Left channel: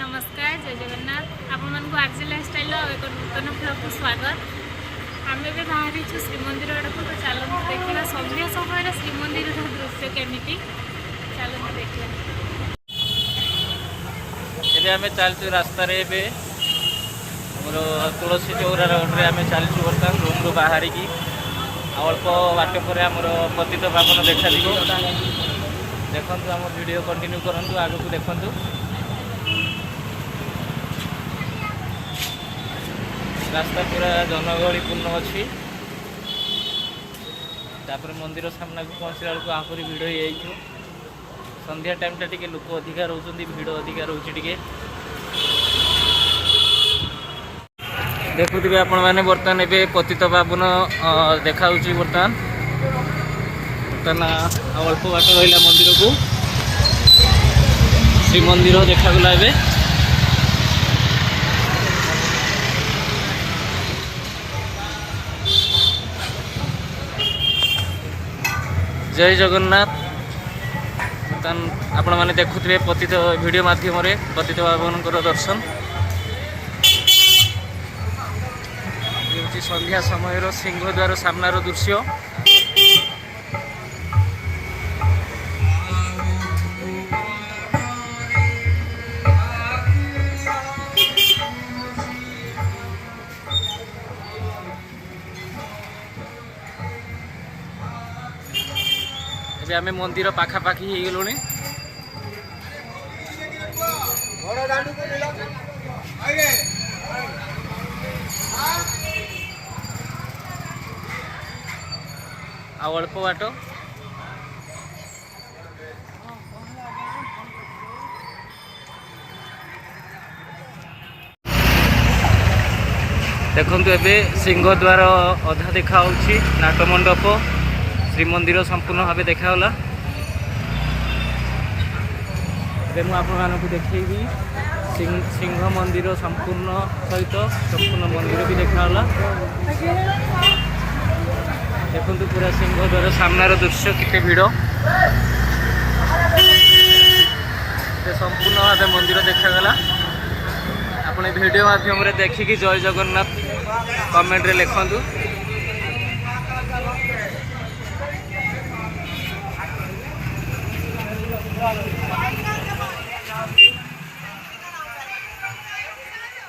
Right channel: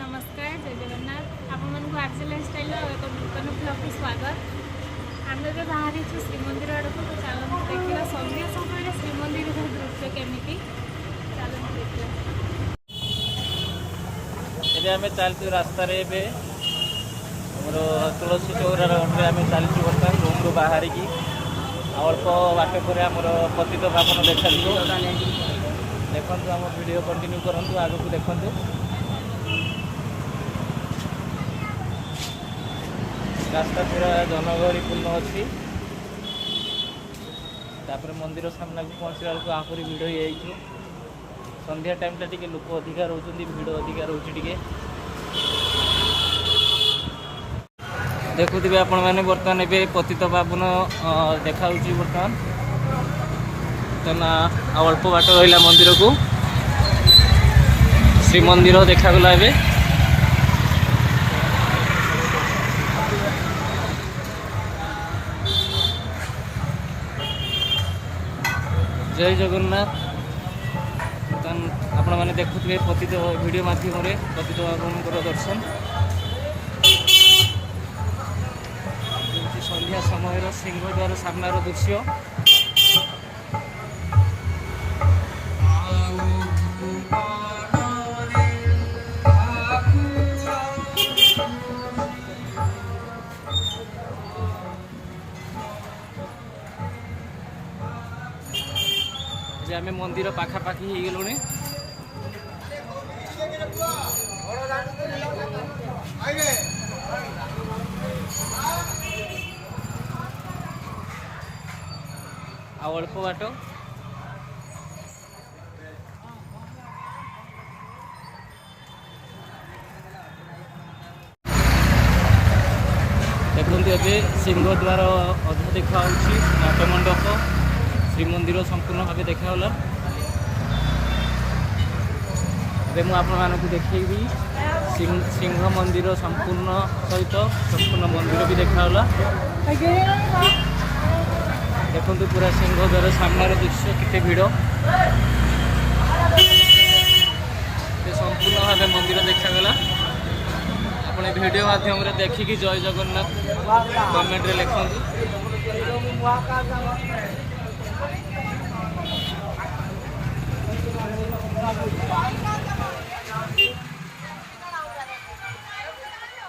नमस्कार जय जगन्नाथ आपण मन को आरजे लाइफस्टाइल एक नूतन ब्लॉग को स्वागत। आम भी बाहरी श्रीमंदिर आड़ को तो चलते देखा संध्या समय श्रीमंदिर दृश्य केमी चलते देखा। आम चलचु रास्त मोर तुलसी चौरा रोड्रे आम चलचु बर्तमान रूम रू बाहर की अल्प बाट पर आमर पतित पावन देखा देखु आम वीडियो कंटिन्यू करूँ आग को देखु। रास्ता पूरा जनगहलीपूर्ण अच्छी तापर मंदिर सामना को पहुँचला बेलू आहरी भिड़ हो जाइए। संध्या टाइम टी लोक अधिका रोच भिड़ अधिका रोचे टे देखुवे आपण मैंने बर्तमान ए पतित पावन देखा बर्तमान अल्प बाट रहा मंदिर को श्रीमंदिर देखागला ए जय जगन्नाथ। बर्तमान आपण मैंने देखुवे पतित वीडियो माध्यम पतित पावन दर्शन संध्या समय सिंहद्वार सामनार दृश्य। आम मंदिर पाखापाखि हो गलु अल्प बाट देखु ए सिंहद्वार अधा देखा नाटमंडप श्रीमंदिर संपूर्ण भाव देखागला। मुझे आपको देखी सिंह मंदिर संपूर्ण सहित संपूर्ण मंदिर भी देखागला। देखु पूरा सिंहद्वार सामनार दृश्य केते भिड़ संपूर्ण भाव मंदिर देखागला। आपने वीडियो माध्यम देखिकी जय जगन्नाथ कमेंट रे लिखंतु।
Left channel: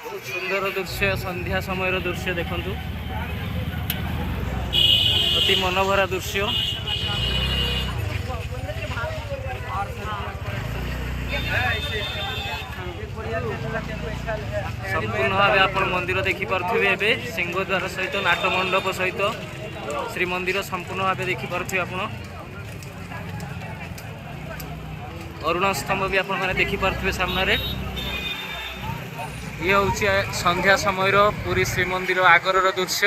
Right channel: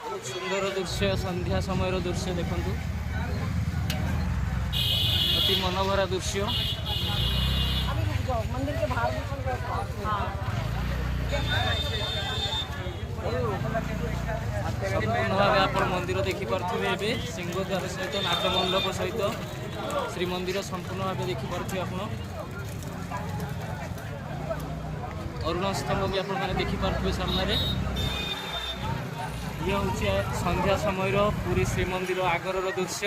बहुत सुंदर दृश्य संध्या समय दृश्य देखंतु अति मनोभरा दृश्य। संपूर्ण भाव आप मंदिर देखिपे ए सिंहद्वार सहित नाटमंडप सहित श्रीमंदिर संपूर्ण भाव देखिपे आप अरुण स्तंभ भी आप देखिपे सामने। ये हूँ संध्या समय पुरी श्रीमंदिर आगर दृश्य।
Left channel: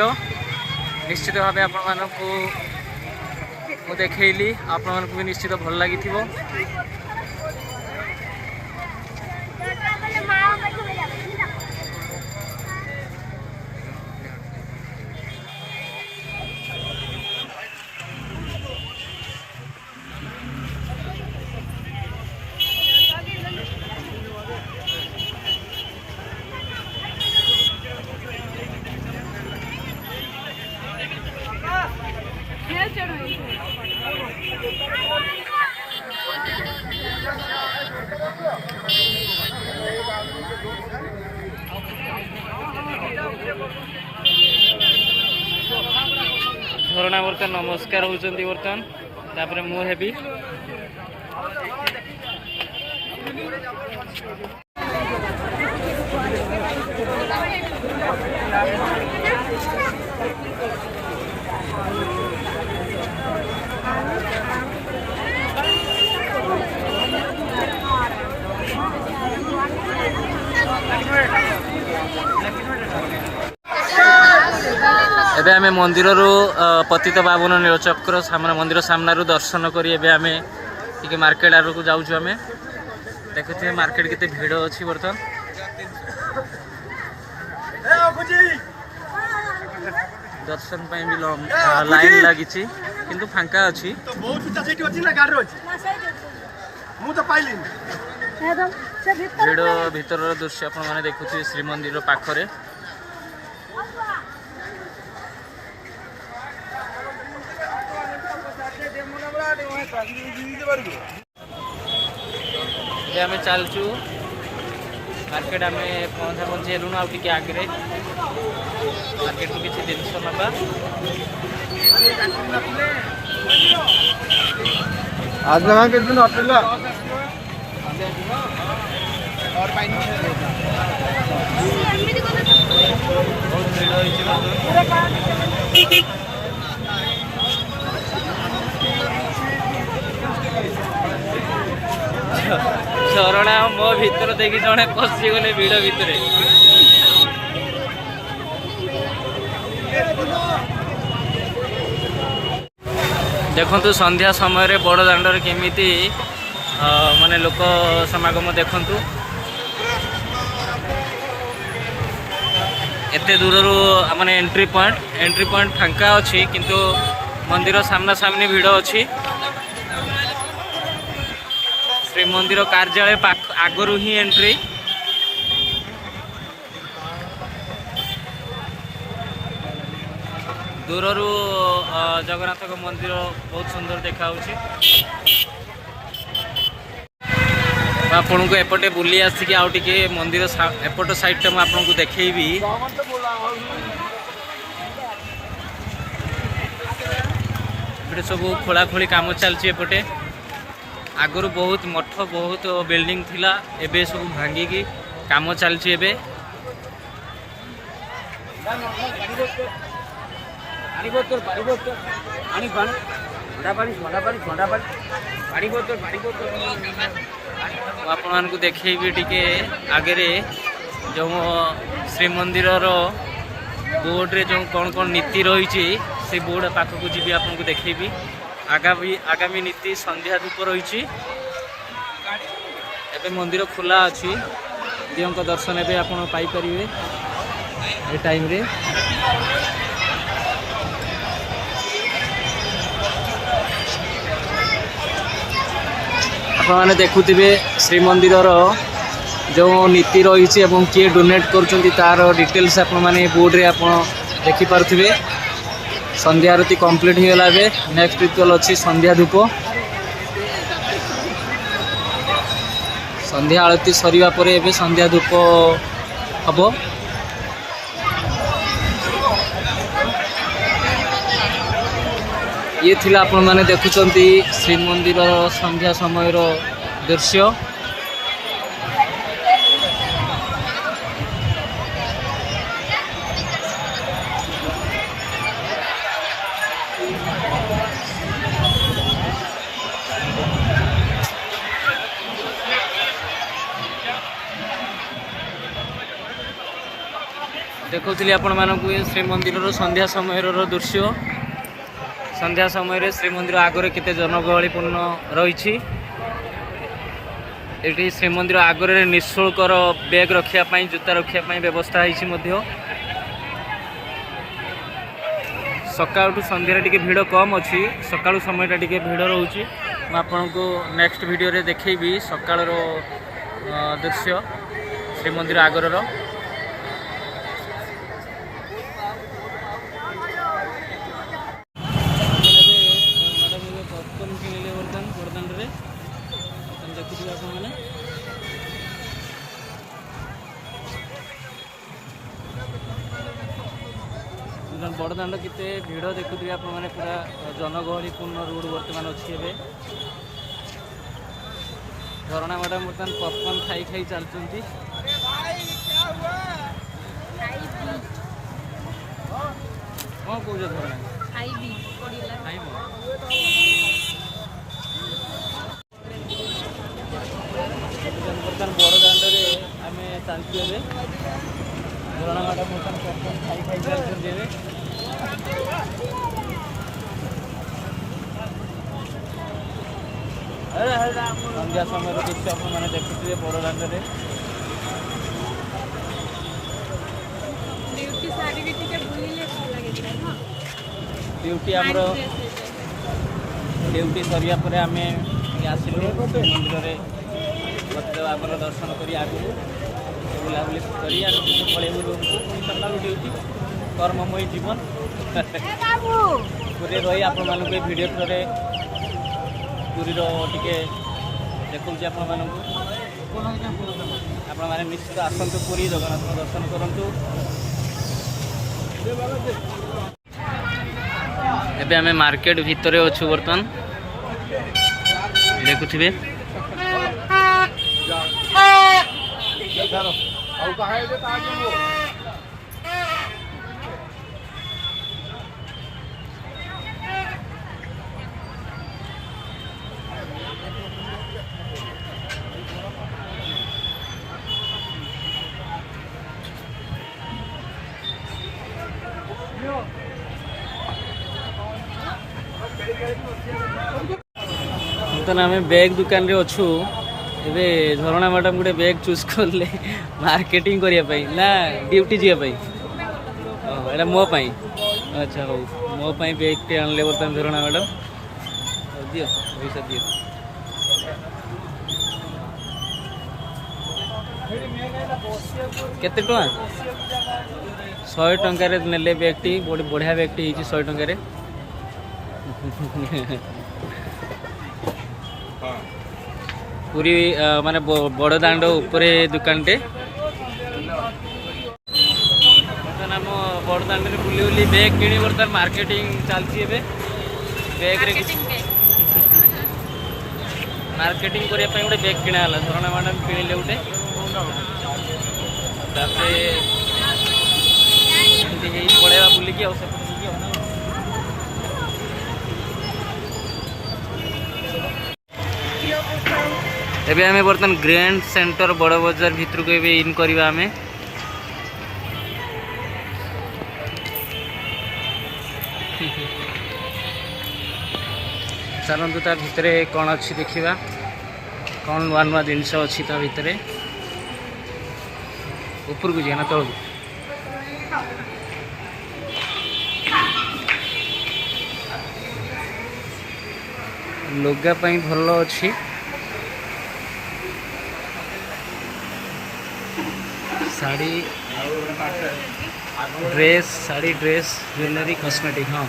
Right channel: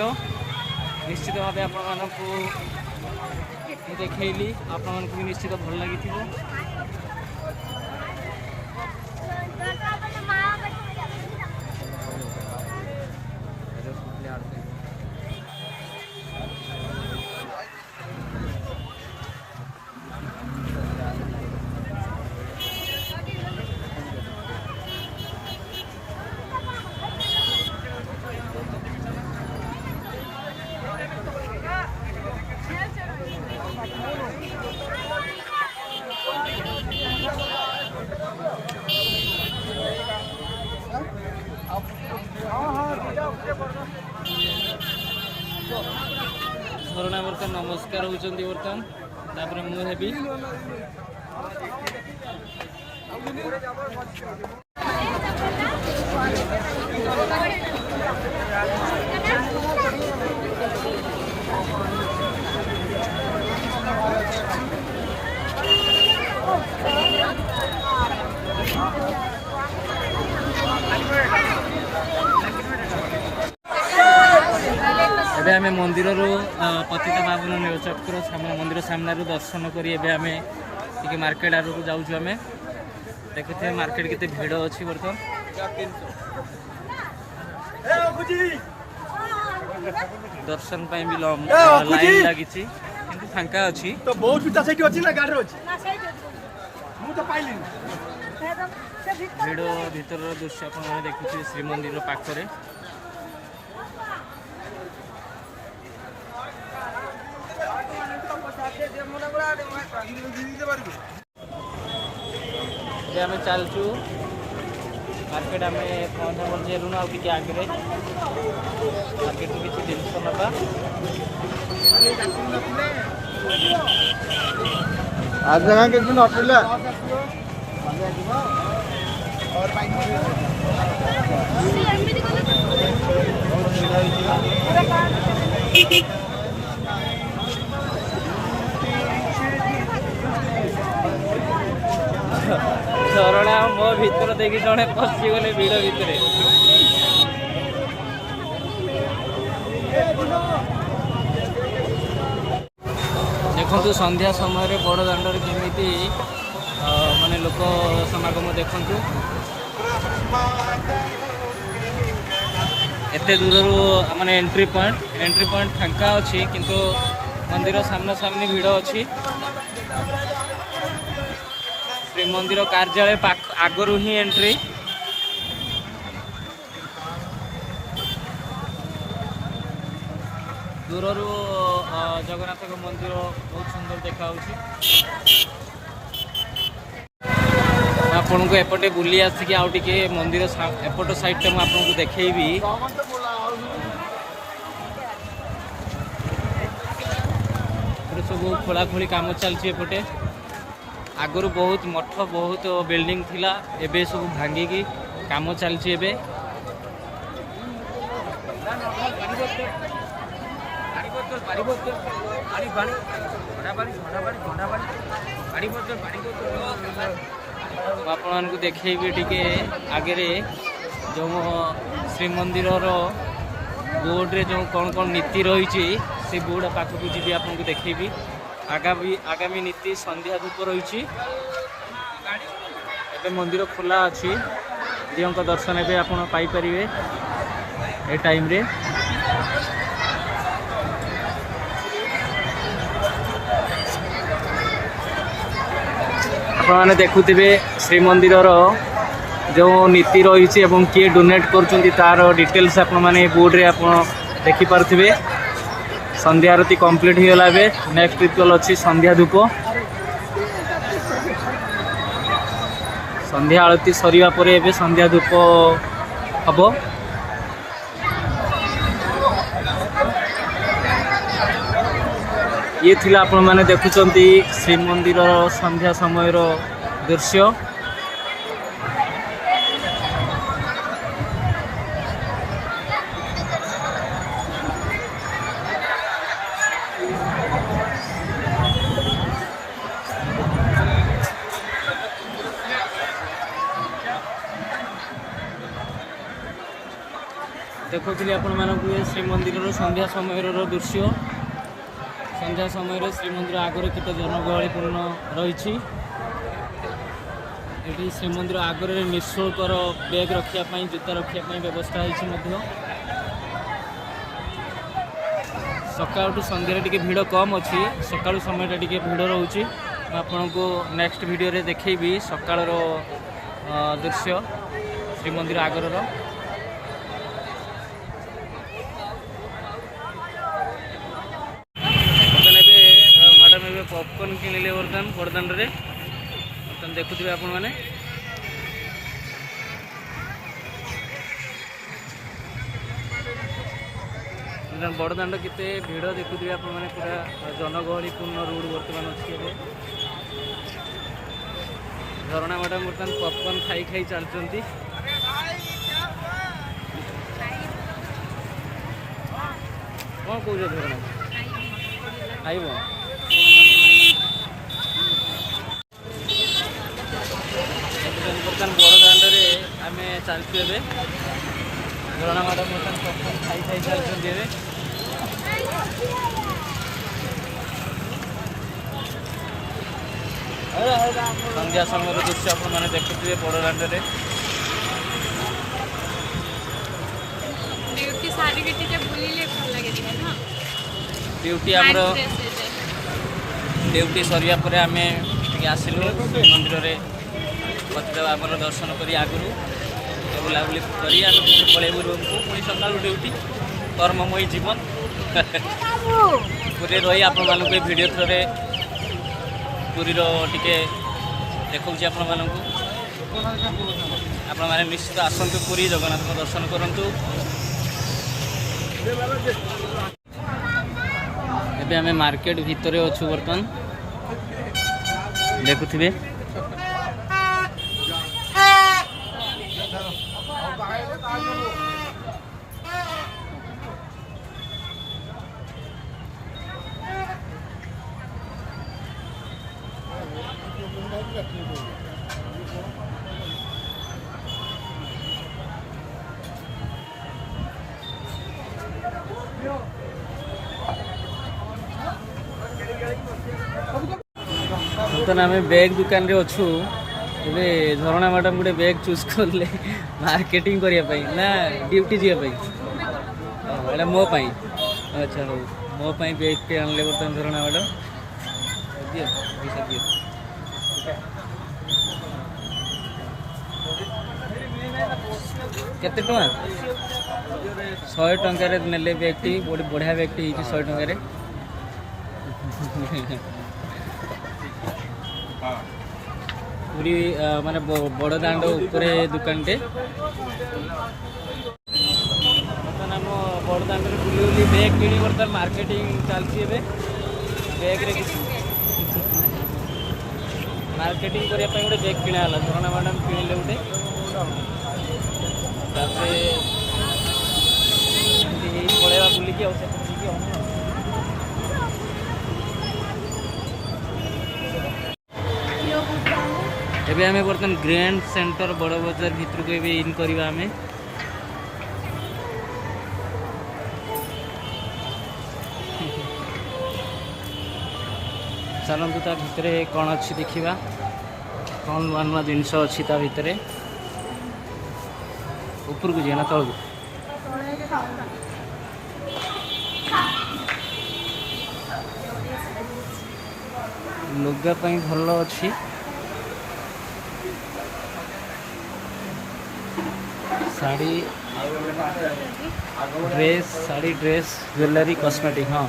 निश्चित भाव आपण को देखली आपण भी निश्चित भल लगी। झरणा बर्तमान नमस्कार होती बर्तमान तापर मु हेबी एबे आमे मंदिर पतित पावन नीलचक्र सामना मंदिर सामना दर्शन करी एबे आमे टिके मार्केट आड़ को जाऊँ। आमे देखुए मार्केट केते भिड़ अच्छी बर्तमान दर्शन पाई भी लाइन लगी किंतु फांका अच्छी तो बहुत पिता सेठी अछि ना गाड़ी अछि मु तो पाइलिन ଭିଡ଼ ଭିତରର ଦୃଶ୍ୟ ଆପଣମାନେ ଦେଖୁଥିବେ ଶ୍ରୀମନ୍ଦିର ପାଖରେ। ଏବେ ଆମେ ଚାଲୁଛୁ ମାର୍କେଟ। ଆମେ ପହଞ୍ଚି ହେଲୁଣୁ ଆଉ ଟିକେ ଆଗରେ। ମାର୍କେଟରୁ କିଛି ଜିନିଷ ନେବା। आज ना के दिन अटला बहुत भीड़ होइछि झरणा मो भीतर देखि जणे पसी गले भीड़ भितरे। देखंतु संध्या समय रे बड़ दांडर केमिति माने लोक समागम देखंतु। एते दूररू माने एंट्री पॉइंट फांका अछि किंतु मंदिर सामना सामनी भीड़ अछि। श्रीमंदिर कार्यालय आगरू ही एंट्री। दूररू जगन्नाथ मंदिर बहुत सुंदर देखा आपन को एपटे बुली आसिक आउ टिके मंदिर एपट साइड टा आपन को देखेबी। एपटे सब खोला खोली काम चलची। एपटे आगरू बहुत मठ बहुत बिल्डिंग थिला, एबे सब भांगी काम चलची। एबे आपण को देखेबी टिके आगे जो श्रीमंदिर बोर्ड रे जो कौन कौन नीति रही से बोर्ड पाखक जी आपन को देखेबी। आगामी नीति संध्या धूप रही। एबे मंदिर खोला अच्छी, दियों का दर्शन एबे आपण पाई परिवे ए टाइम रे। आपण माने देखुथिबे श्रीमंदिर जो नीति रही एवं किए डोनेट कर तार डिटेल्स आपण माने बोर्ड रे आपण देखि पारथिबे। संध्या आरती कंप्लीट हो गला। बे नेक्स्ट रिचुअल अच्छी संध्या धूप। संध्या आरती सरिवा परे एबे संध्या धूप हबो। ये थिला आपण माने देखुचंती श्रीमंदिर संध्या समय दृश्य। देखुली आपण मानक श्रीमंदिर संध्या समय दृश्य। संध्या समय श्रीमंदिर आगरे केते जनगहलीपूर्ण रही। श्रीमंदिर आगरे निःशुल्कर बैग रखापी जूता रखापी व्यवस्था होती। सकाळु संध्या टिके भीड़ कम अच्छी, सकाळु समय टिके भीड़ रोचे। आपको नेक्स्ट वीडियो रे देखेबी सकाळर दृश्य श्रीमंदिर आगरर। मैडम ए पॉपकॉर्न किणिले बड़दान रे बर्तमान देखुथिबे आपण माने। बड़दान केते भीड़ देखुथिबे आपण माने। पूरा जनगहलीपूर्ण रोड बर्तमान अच्छी। झरणा मैडम बर्तमान पॉपकॉर्न खाई खाई चलती। कौन कौच झरणा खाइब बर्तमान बड़दान आम चलचु। ए झरणा मैडम बर्तमान पॉपकॉर्न खाई खाई चलती। संध्या समय दृश्य आपने देखुए बड़दान ड्यूटी आमर ड्यूटी सरिया पर आम आसिलु मंदिर रे पतिदेव आपर दर्शन करी आगु बुलाबुली करी पलैबू रूम को पुणी सका ड्यूटी कर्ममयी जीवन पूरी रही आपण मानक भिडियो थ्रे पूरी टिके देखा आपण मानक आपण मैंने निश्चित आसतु पुरी जगन्नाथ दर्शन करूँ। एबे आमे मार्केट भितर अच्छु बर्तमान देखुथिबे बर्तमान आम बैग दुकान रे अच्छु एबे झरणा मैडम गोटे बैग चूज करले मार्केटिंग करने ना ड्यूटी जावाई एटा मो पाई अच्छा हो मो पाई बैग टे आनले बर्तमान झरणा मैडम दियो पैसा दियो केते टका 100 टंका रे नेले बैग टी बढ़िया बैग टी 100 टंका रे पूरी माने बड़ दांड उपरे दुकान टे बर्तमान आम बड़ दांड रे बुली बुली बैग किणी बर्तमान मार्केटिंग चलती बैग रे मार्केटिंग करने गोटे बैग किणा झरणा मैडम किणिले गोटे पलैबा बुलिकी एबे हमें बर्तमान ग्रैंड सेंटर बड़ बाजार भितर को इन करवा हमें चलतु ता भितर कौन अच्छी देखा कौन नुआ नुआ जिनस अच्छी ता भितर ऊपर को जाना तौक लुगा पाई भल अच्छी साड़ी ड्रेस ज्वेलरी कॉस्मेटिक हाँ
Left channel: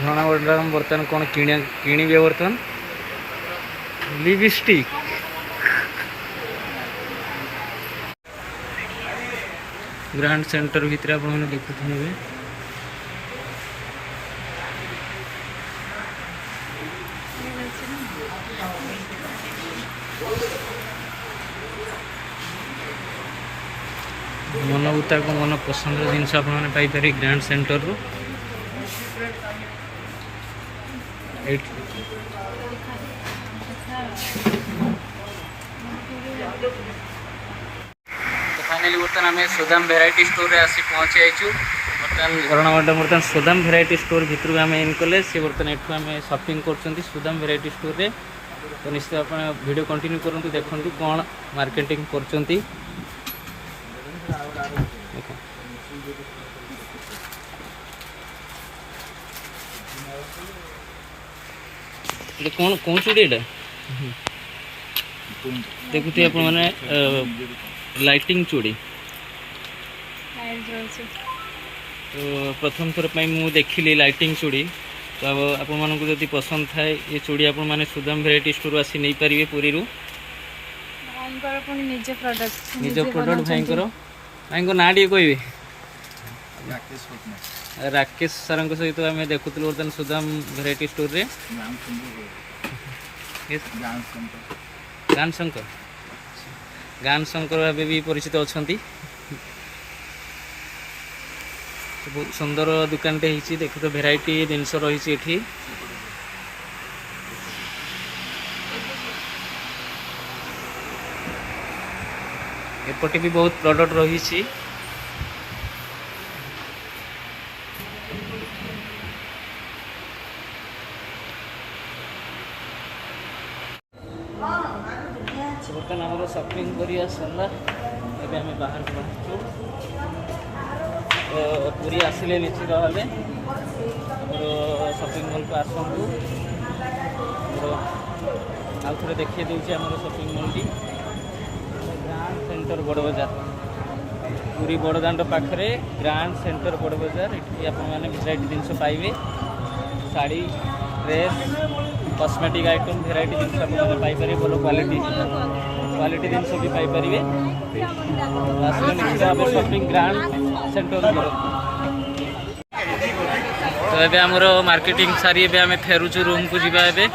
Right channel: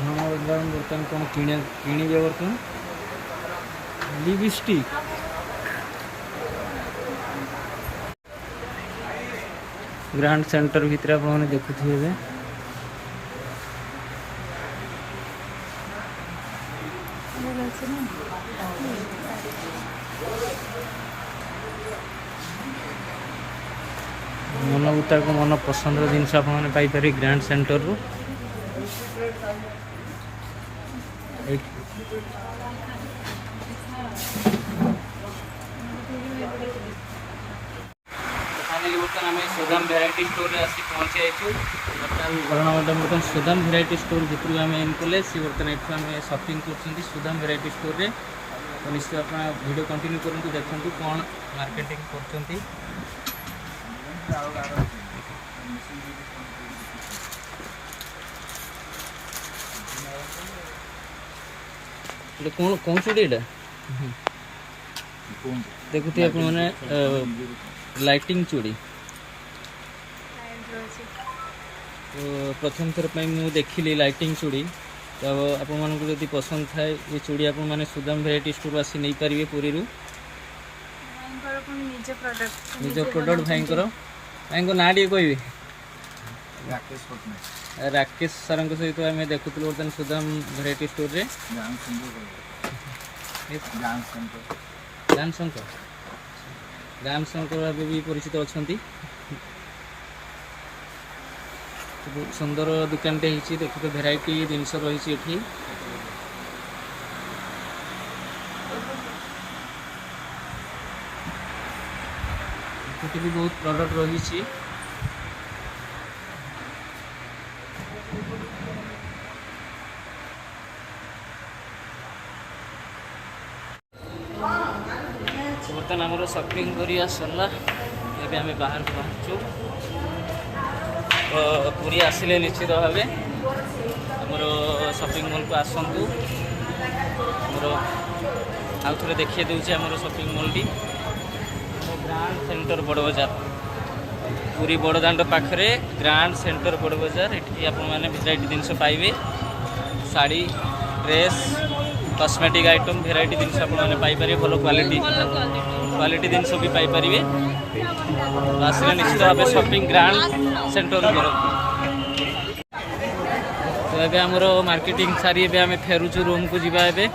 झरणा मैडम बर्तमान कौन किणवे बर्तमान लिपस्टिक ग्रांड सेंटर भितर आप देखुए मन मुताबिक मन पसंद जिनस आपरे ग्रांड सेंटर रू फाइनली बर्तमान आम सुदाम भेराइटी स्टोर रे आसी पहुँची आईचु बर्तमान झरणा मैडम बर्तमान सुदाम भेराइटी स्टोर भितर को आम इन कले सी बर्तमान एठू आम शॉपिंग कर सुदाम भेराइटी स्टोर रे तो निश्चित आप वीडियो कंटिन्यू करूँ देखूँ कौन मार्केटिंग कर कौन कौन चूड़ी एटा देखुते आप माने लाइटिंग चूड़ी तो प्रथम थर मु देखिली लाइटिंग चूड़ी तो आप मानक जदि पसंद थाए ये चूड़ी आप माने सुदाम भेराइटी स्टोर आसी नहीं पारिबे पुरी रू निज प्रोडक्ट भाई ना टे कहे राकेश सर सहित आम देखुलु बर्तमान सुदाम भेराइटी स्टोर रे गान शंकर भाव भी परिचित अच्छा बहुत सुंदर दुकान टे देखो तो भेराइटी जिनस रही एठी एपटे भी बहुत प्रोडक्ट रही बर्तमान आमर शॉपिंग करिया सरला एबे आमे बाहर को बाहरचु तो पुरी आसिले निश्चित भावे आमर शॉपिंग मॉल को आसतु आमर आउ थे देखिए दूसरे आमर shopping mall T grand centre बड़ बजार पुरी बड़दाण्ड पाखे ग्रांड सेंटर बड़ बजार ये आपने भेराइटी जिनस पाइबे sari dress cosmetic item variety जिनस आपने भल क्वालिटी जिनस भी पाइपर आसिले निश्चित भाव शॉपिंग ग्रांड सेंटर कर तो ये आमर मार्केटिंग सारी ए आम फेरुचु रूम को जीवा ए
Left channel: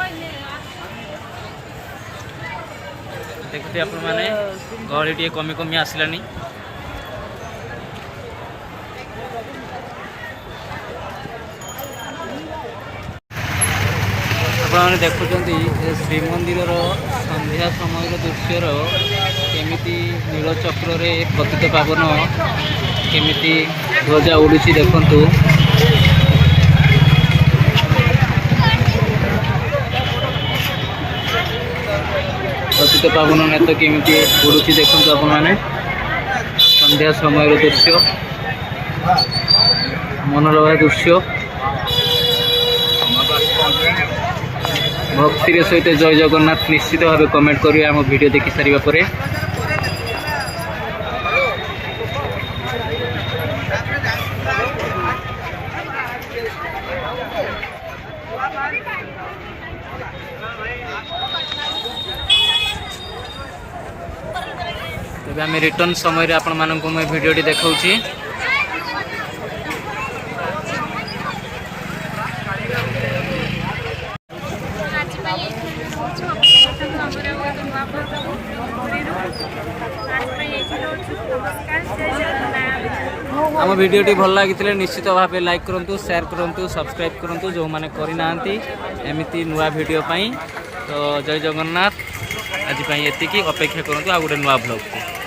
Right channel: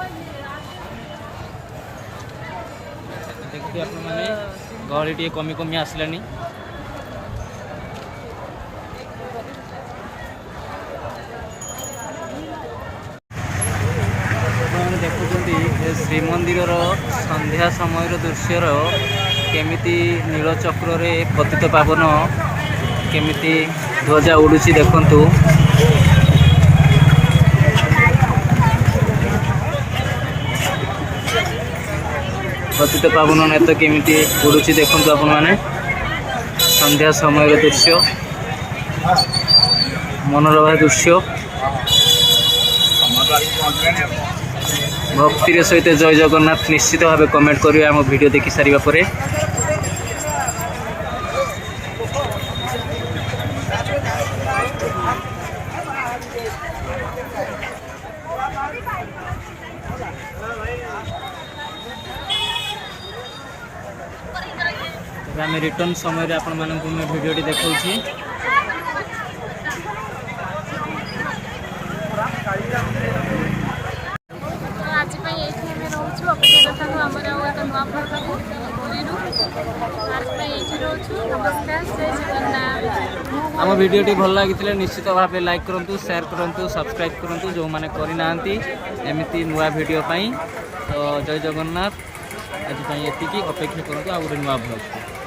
देखते आपण मैंने गहली टे कमी कमी आसलानी आपने देखुं श्रीमंदिर संध्या समय दृश्यर केमिति नीलचक्र पतित पावन केमिति ध्वजा उड़ुची देखंतु पतित पावन नेत केमिति उड़ुची देखंतु आपण माने संध्या समय दृश्य मनोरम दृश्य भक्ति सहित जय जगन्नाथ निश्चित भाव कमेंट करिए आम वीडियो देखि सारिबा परे तबे आम रिटर्न समय आपण मानकु मैं वीडियो देखाउछि आम वीडियो भल लगी निश्चित भाव लाइक करूँ शेयर करूँ सब्सक्राइब करूँ जो मैंने करना एमती नुआ वीडियो तो जय जगन्नाथ आज एति अपेक्षा करूँ आ गोटे नुआ ब्लॉग को।